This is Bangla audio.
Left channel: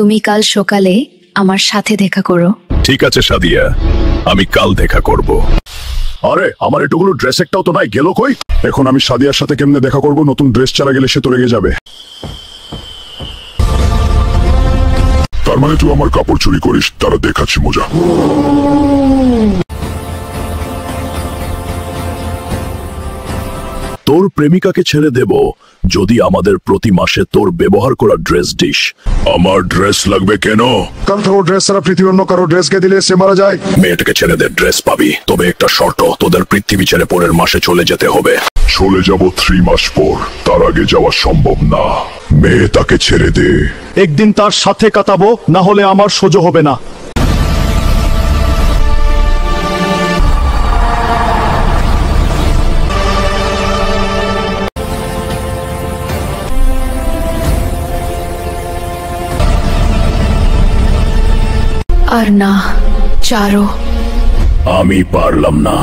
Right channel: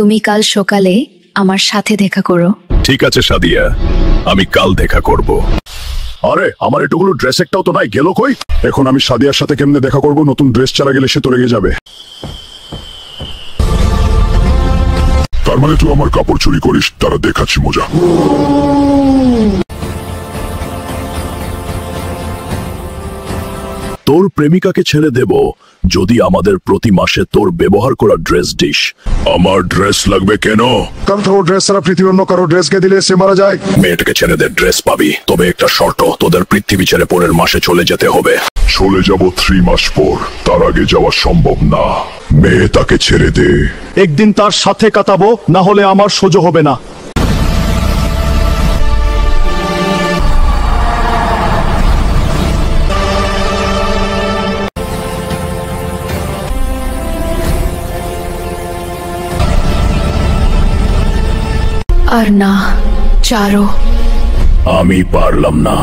তুমি কাল সকালে আমার সাথে দেখা করো। ঠিক আছে সাদিয়া, আমি কাল দেখা করব। আরে আমার এটুকুলো ড্রেস একটাও তো নাই, গেল কই? এখন আমি সাদিয়ার সাথে কেমনে দেখা করব? নতুন ড্রেস ছাড়া গেলে সে তো রেগে যাবে। তার মানে তুই আমার কাপড় চুরি করিস? তারা দেখাচ্ছি মজা। তোর প্রেমিকাকে ছেড়ে দেব যদি আমাদের প্রতি মাসে তোর ব্যবহার করা ড্রেস দিস। আমার ড্রেস লাগবে কেন? কারণ তোর ড্রেস ছাড়া পৃথিবীর অন্য কারো ড্রেসকে দিলে সে মারা যায়। মেয়েটাকে ছেড়ে দে, ড্রেস পাবি, তবে একটা শর্ত, তোদের পৃথিবী ছেড়ে পরের মাসে চলে যেতে হবে। চলে যাব 3 মাস পর, তার আগে যাওয়া সম্ভব না। মেয়ে তাকে ছেড়ে দে। একদিন তার সাথে কাটাবো, না হলে আমার সহ্য হবে না। আর না, চারো। আমি পারলাম না।